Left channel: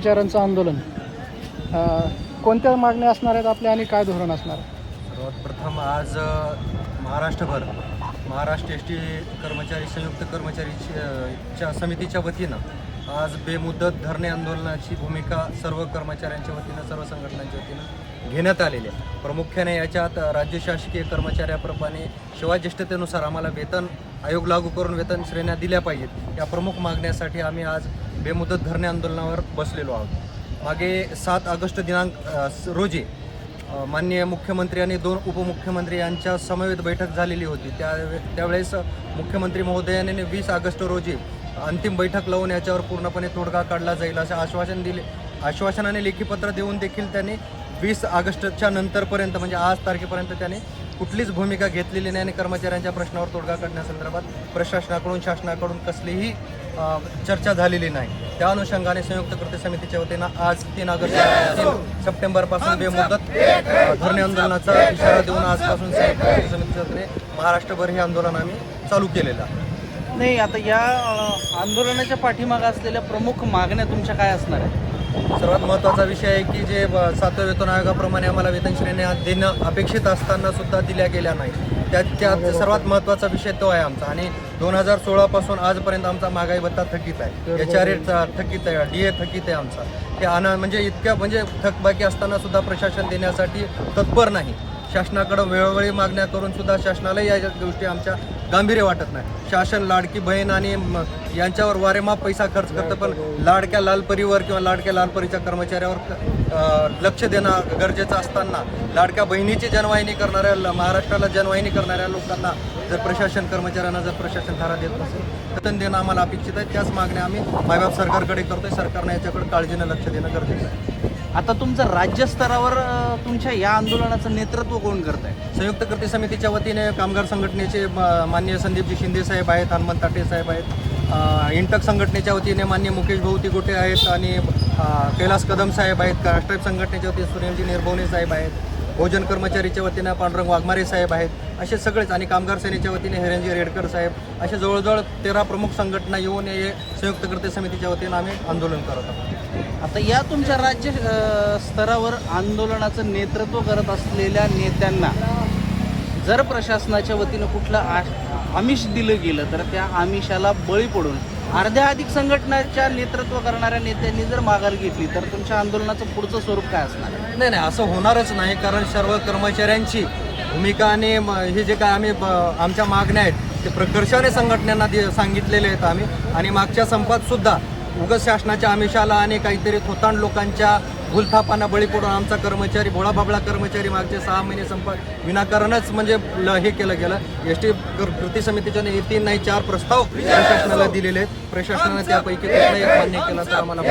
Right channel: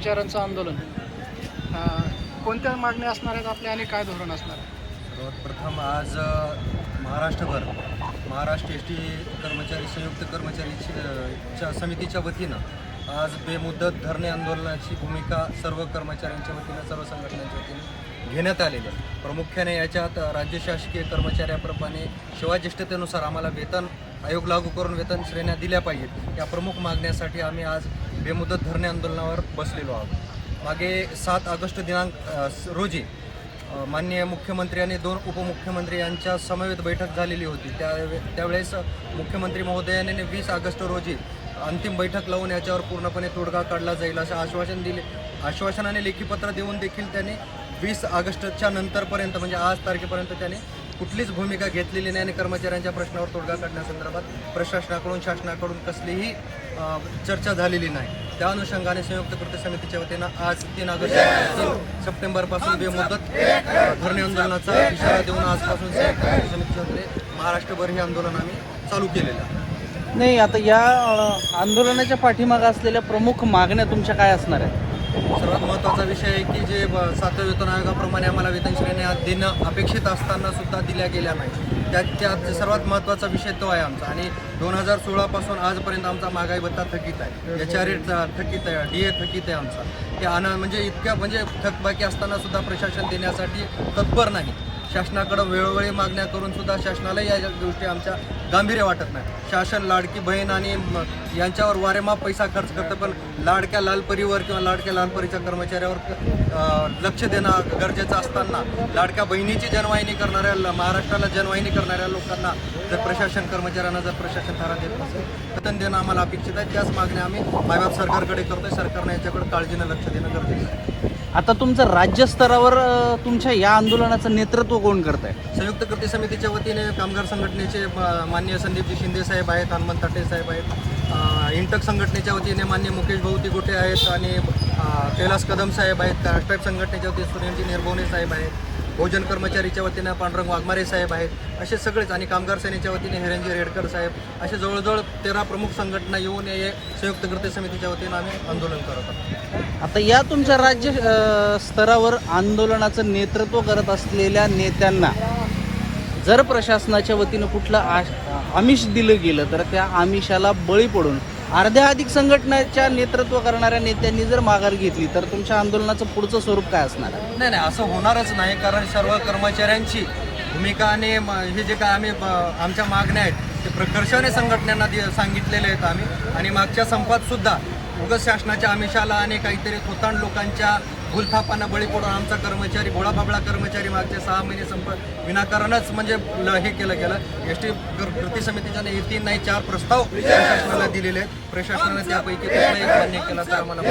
कर्मचाऱ्यांचं आंदोलन. कोणत्या मागण्या असणार आहेत आपल्या आणि काय धोरण असणार आहे? सर्वात प्रथम आज महाराष्ट्रभर महाराष्ट्र एस टी कर्मचारी संयुक्त कर्मचारी च्या समितीच्या वतीनं आज बेमुदत धरणे आंदोलनाची भूमिका सर्व कर्मचाऱ्यांच्या वतीनं सर्व संघटनांच्या वतीनं घेण्यात आलेली आहे. प्रामुख्याने याच्यात राज्य शासकीय कर्मचाऱ्याप्रमाणे शिवाज्येष्ठतेनुसार आम्हाला वेतन आयोग लागू करून वेतन श्रेण्या दिल्या पाहिजेत. या प्रमुख मागण्यासाठी आम्ही आज बेमुदत धरणे आंदोलनावर बसलेलो आहोत. मागे सात ऑगस्ट दिनांक रोजी माननीय मुख्यमंत्री आणि दोन उपमुख्यमंत्री यांच्या समवेत बैठक झालेली होती. त्या त्यावेळेस मुख्यमंत्री महोदयाने वीस ऑगस्ट रोजी अंतिम बैठक लावून याच्यावर पूर्णपणे तोडगा काढला जाईल असं आश्वासन दिले. आश्वासनाने लेखीपत्र देऊन देखील त्यांनी वीस ऑगस्टच्या नंतरपर्यंत म्हणजे आज तारखेपर्यंत त्याने कुठलीच भूमिका घेतलेली नाही आणि कर्मचाऱ्यांच्या प्रश्नावर तोडगा काढण्यासंदर्भात प्रशासनाकडून शासनाकडून कसलीही चर्चा झालेली नाही. त्या अनुषंगाने संयुक्त कृती समितीच्या वतीनं आज तीन ऑगस्ट सप्टेंबरपासून बेमुदत धरणे आंदोलनाचा इशारा देऊन आजपासून संयुक्त कृती समितीच्या वतीने महाराष्ट्रभर हे आंदोलन आम्ही चालू केलेलं आहे. नाही आता या आंदोलनाच्या पाठीमागे असलेल्या प्रमुख मागण्या तुमच्या काय असणार सर्वात महत्त्वाचा विषय आहे की जे सातव्या वेतन आयोगाप्रमाणे आम्हाला वेतन श्रेण्या देणं अपेक्षित असताना सुद्धा दिल्या गेल्या नाही त्याच्यात सर्वात महत्त्वाचा विषय तो आहे आमचा. आणि दोन हजार सोळापासून आजपर्यंत आमचा महागाई भत्ता थकीत आहे. आर रेट थकीत आहे डी ए थकीत आहे आमचा. ते अना म्हणजे इतक्या म्हणजे थकबाकी असताना सुद्धा प्रशासन देण्यासाठी तत्पर नाही. शासनाकडे वेळोवेळी मागण्या करून सुद्धा शासनाला या गोष्टी आमच्या गांभीर्य वाटत नाही. शासन लाडकी बहीण आणि यांच्यावर वारेमाप पैसा खर्च करतं पण लाडक्या लालपरीवर किंवा लाडक्या लालपरीच्या कर्मचाऱ्यावर लक्ष देणं गरजेचं असताना लाडक्या बहिणीची जनवाहिनी करणाऱ्या ल- महाराष्ट्राला जनवाहिनी करणाऱ्या लोकांना जर प्रशासन कर्मचाऱ्यांना जर प्रशासन धारा देत नसेल तर वेतन देणं आम्हाला अपेक्षित आहे. त्याच मागण्या आम्ही मायबाप सरकारकडे करतोय. सरकारनं याच्याकडे काळजीनं लक्ष देणं गरजेचं आहे. आता तुमचं राज्यस्तरावर तुमच्या या आंदोलनाचं नेतृत्व कोण करत आहे संयुक्त कृती समितीच्या वतीने कामगार संघटनेचे मान्य संदीपजी शिंदे साहेब आहेत हनुमंत ताटे साहेब आहेत इंटक संघटनेच्या वतीने मान्य मुकेश भाऊ तिगोटे आहेत आणि कैलास कदम साहेब आहेत राष्ट्रीय संघटनेच्या वतीने सूर्यंजी निर्भवणे साहेब आहेत. भोजन कर्मचारीच्या वतीनं पांडुरंग वाघमारे साहेब आहेत. असे सगळेच आणि कामगार सेनेच्या वतीने हिरंजी रेडकर साहेब असे जवळजवळ तेरा प्रमुख संघटना येऊन हे संयुक्त कृती समितीच्या वतीनं आम्ही आंदोलन करत आहोत. आता या तुमच्या राज्य स्तरावर आंदोलनाचं नेतृत्व करत असलेल्या नेत्यांना जर प्रशासनाच्या वतीनं कुठलं आ- आमिष दिलं गेलं तर त्या आमिषाला बळी पडून अर्ध्या अधिक संघटनाच्या नेतृत्व करणाऱ्या नेत्यांनी जर माघार घेतली तर तुमच्या आंदोलनाचं पुढचं स्वरूप काय असणार? नाही नाही असं होणारच नाही कारण सर्व कर्मचाऱ्यांची भूमिका आणि हे जे काय आम्ही ब- आमच्या मागण्या आहेत ते प्रकर्षाने संघटनांना सांगितलेले आहेत आम्ही. आणि मागच्या संपात सुद्धा उगत शासनाच्या आमिषाला आणि काहीतरी थोतांड लोकांच्या भूलथापांना बळी पडून आमचा कर्मचारी भोळाबाबळा कर्मचारी मागचे सहा महिने संप विनाकारणच म्हणजे हे केलं गेलं. एस टी कृती समितीच्या हे तीन नाही चार प्रस्ताव प्रशासनाला दिलेले आहेत. प्रशासनाने त्यापैकी मान्य केला तर आम्हाला